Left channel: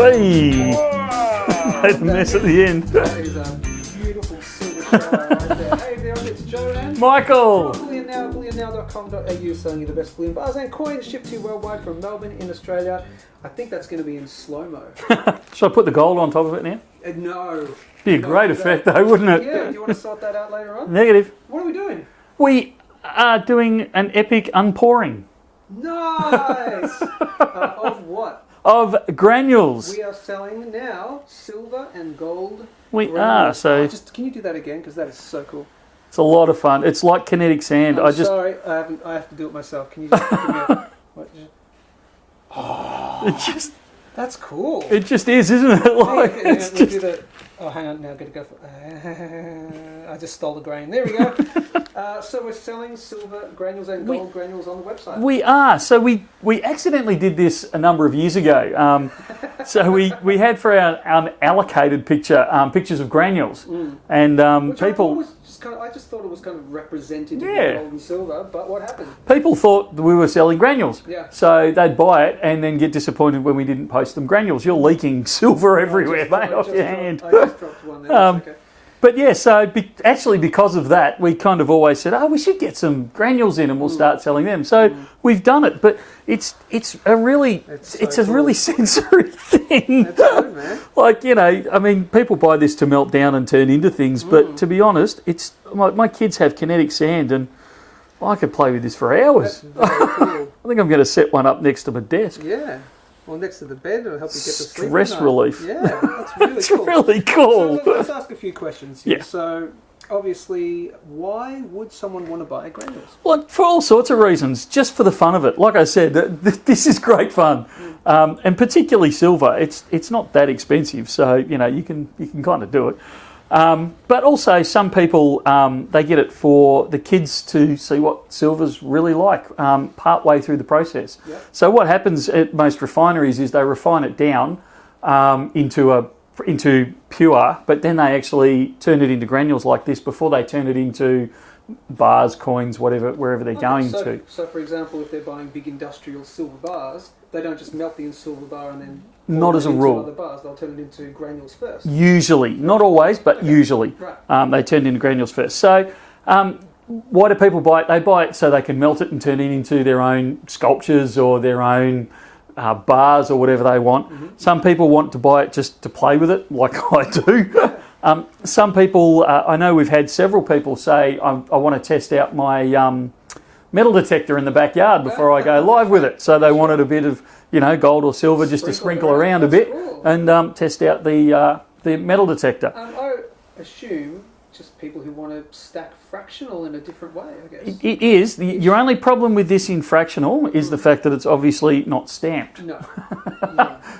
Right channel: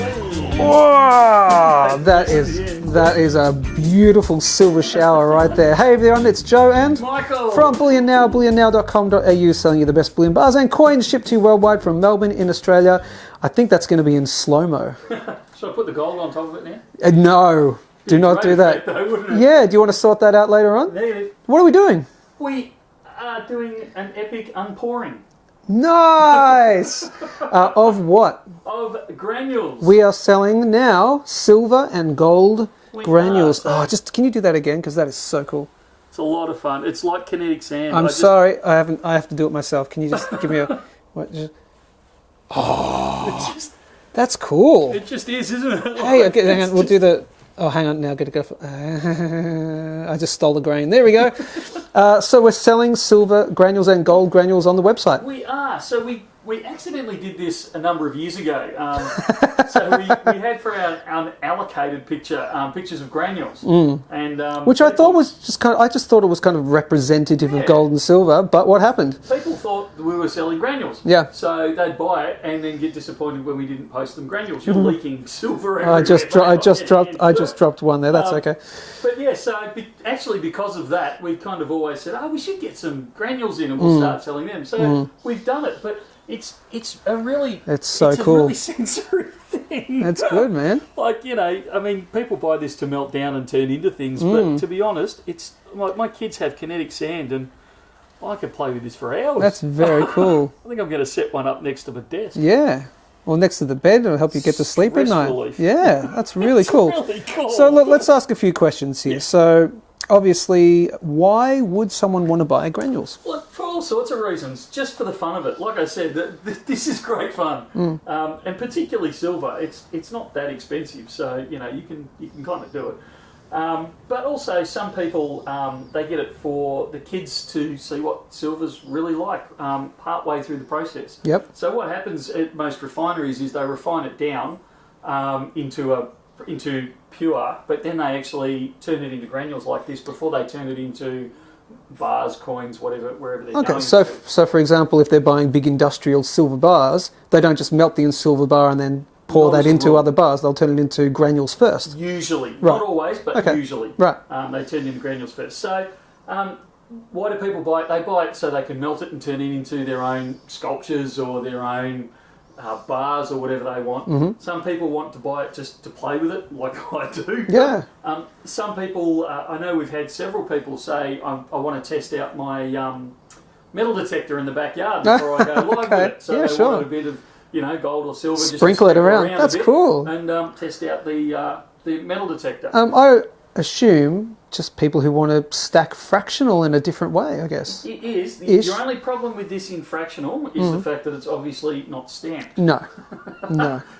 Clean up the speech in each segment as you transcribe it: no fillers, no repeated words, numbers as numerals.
Hey. Wow, End. that is a beautiful silver shower right there. Hey everyone, it's Joe and Michael from Bullion Now, bullionnow.com.au, selling you the best bullion bars and coins shipped to you worldwide from Melbourne in Australia. I think that's going to be in slow-mo. Should I put the gold on top of it now? No, do not do that. Though, wouldn't it? Yeah, do you want to sort that out later on? Negative. What are we doing? We are doing an epic unpouring. Nice! Of what? Of granules. We are selling now silver and gold granules. Can you do that again? Because that is so cool. It's a lot of fun. It's like kinetic sand. I'm sorry, I have to do it myself. Can you just give me a... That's cool. It just is, isn't it? Like, hey, hang on, we'll do the... Oh, hang on, now I've got to go for... I just stole the grain. There we go. So we're selling silver granules and gold granules on the website. We are. So we accidentally did this a number of years ago. So we had for our allocated pictures of granules. And which I thought was just kind of... I just thought it was kind of representative of gold and silver, but what happened? People thought that we were selling granules. Yeah. So they'd buy it and then get disappointed when we didn't post them granules. You're leaking silver everywhere. I just dropped one there. That's okay. But yeah, so actually because of that, we kind of always said, we should get some granules in and we'll start selling them. So we've done it, but it's a really sensory thing. It's good, man. Like, I mean, people buy this to melt down and turn into things, but to be honest, it's my kids have kinetic sand and I could play with this for hours. That's very cool. I think I'm going to set one up next to my desk. Yeah. Or next to the bed, it'll help you get to sleep at night. Stress relief. Yeah, that's really cool. Really cool. So let's ask a few questions here. Yeah. So obviously, why would someone want to buy granules? Well, for all sorts of reasons, just for the fun of it. Like I said, this is great fun, and particularly silver. It's not that expensive, so you can kind of do it. But also, some people they get it for the kids to see what silver's really like part way through the process. Yep. So what happens at most refineries is they refine it down into pure, but then they actually turn it into granules like this before they turn it into bars, coins, wherever they're going to. So for example, if they're buying big industrial silver bars, they don't just melt the silver bar and then pour that into other bars. They'll turn it into granules first. Usually. Right. Not always, but usually. Right. They turn it into granules first. So why do people buy it? They buy it so they can melt it and turn it into their own sculptures or their own bars or whatever they want. Mm-hmm. Some people want to buy it just to play with it, like I do. Yeah. Some people, I know we've had several people say, I want to test out my metal detector in the backyard before I go live with it. So they wanted a bit of gold or silver, just to sprinkle around a bit, cool. And test out the metal detector. I assume just people who want to stack fractional in a different way, I guess. It is. Your only problem with this in fractional is the fact that it's obviously not stamped. No.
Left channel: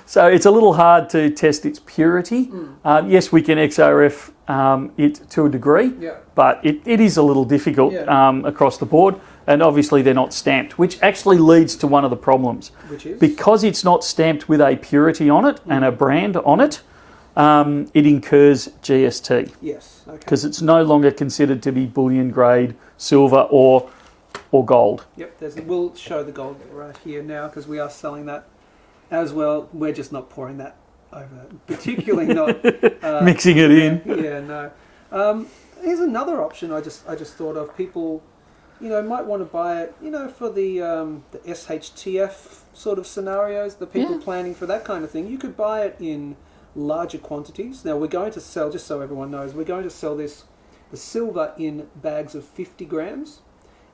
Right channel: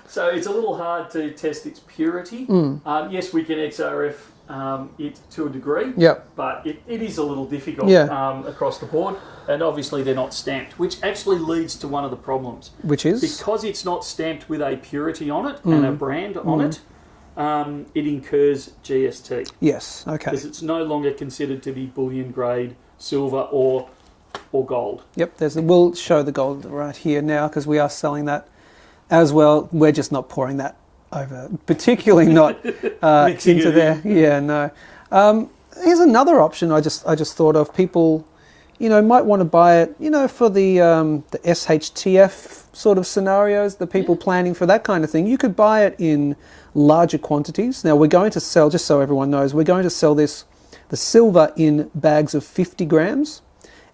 So it's a little hard to test its purity. Yes, we can XRF it to a degree, but it is a little difficult across the board. And obviously they're not stamped, which actually leads to one of the problems. Which is? Because it's not stamped with a purity on it and a brand on it, it incurs GST. Yes, okay. Because it's no longer considered to be bullion grade silver or gold. Yep, we'll show the gold right here now because we are selling that as well. We're just not pouring that over, particularly not... mixing it in. Yeah, no. Here's another option I just thought of. People... might want to buy it, for the SHTF sort of scenarios, the people planning for that kind of thing. You could buy it in larger quantities. Now, we're going to sell, just so everyone knows, we're going to sell the silver in bags of 50 grams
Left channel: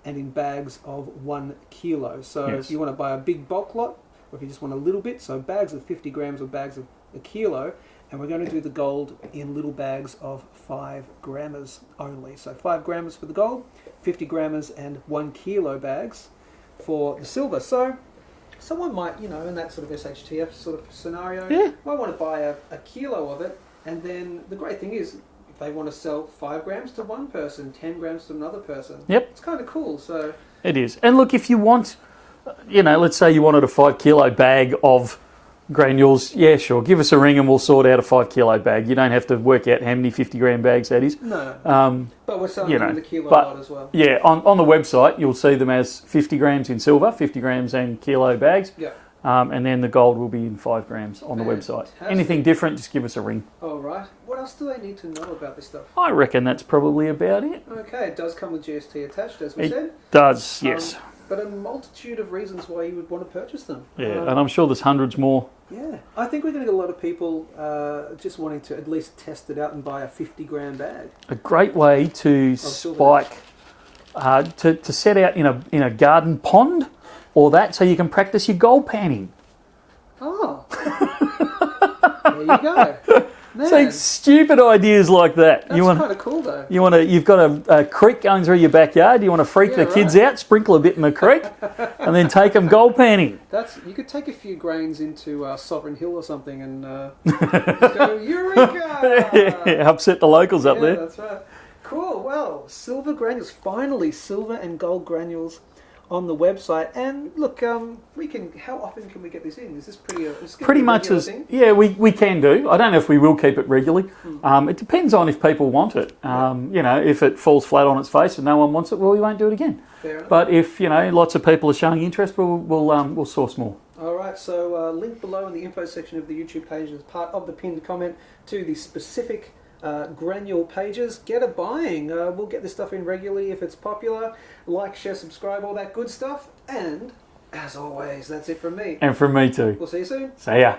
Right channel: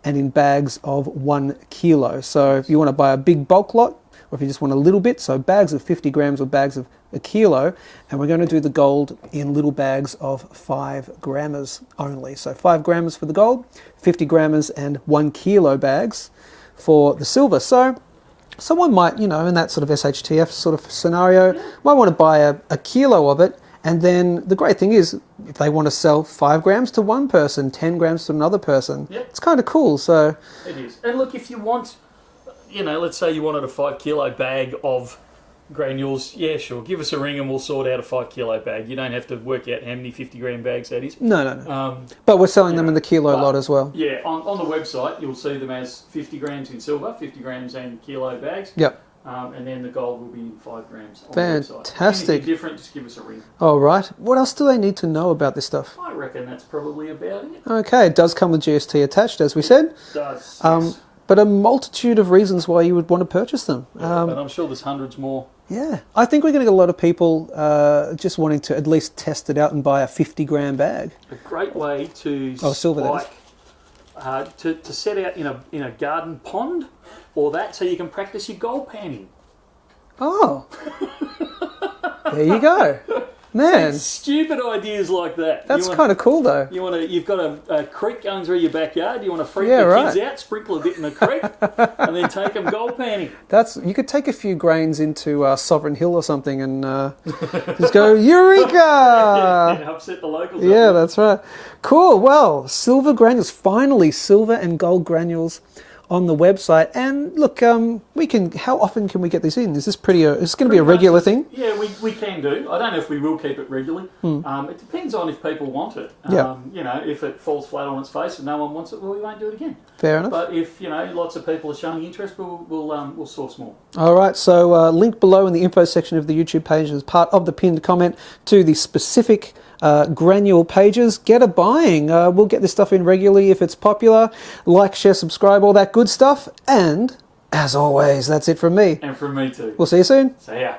and in bags of 1 kilo. So if you want to buy a big bulk lot, or if you just want a little bit, so bags of 50 grams or bags of 1 kilo, and we're going to do the gold in little bags of 5 grammers only. So 5 grammers for the gold, 50 grammers and 1 kilo bags for the silver. So someone might, in that sort of SHTF sort of scenario, might want to buy a kilo of it. And then the great thing is, if they want to sell 5 grams to one person, 10 grams to another person, it's kind of cool. So it is. And look, if you want, let's say you wanted a 5 kilo bag of granules, sure, give us a ring and we'll sort out a 5 kilo bag. You don't have to work out how many 50 gram bags that is. No. But we're selling them in the kilo lot as well. Yeah, on the website you'll see them as 50 grams in silver, 50 grams and kilo bags. Yep. and then the gold will be in 5 grams on the website. Fantastic. Anything different, just give us a ring. All right. What else do they need to know about this stuff? I reckon that's probably about it. Okay, it does come with GST attached, as we said. Does, yes. But a multitude of reasons why you would want to purchase them. Yeah, and I'm sure there's hundreds more. Yeah, I think we're going to get a lot of people just wanting to at least test it out and buy a 50-gram bag. A great way to spike, to set out in a garden pond, or that, so you can practice your gold panning. Oh, there you go, man. So stupid ideas like that. That's kind of cool, though. You've got a creek going through your backyard. You want to freak the kids out, sprinkle a bit in the creek, and then take them gold panning. You could take a few grains into Sovereign Hill or something and just go Eureka! Yeah, upset the locals up there. Yeah, that's right. Cool. Well, silver granules. Finally, silver and gold granules on the website. And look, how often can we get these in? Is this it's going to be a regular thing? Yeah, we can do. I don't know if we will keep it regularly. It depends on if people want it. If it falls flat on its face and no one wants it, well, we won't do it again. Fair enough. But if, lots of people are showing interest, we'll source more. All right, so link below in the info section of the YouTube page as part of the pinned comment to the specific granule pages. Get a buying. We'll get this stuff in regularly if it's popular. Like, share, subscribe, all that good stuff. And as always, that's it from me. And from me too. We'll see you soon. See ya.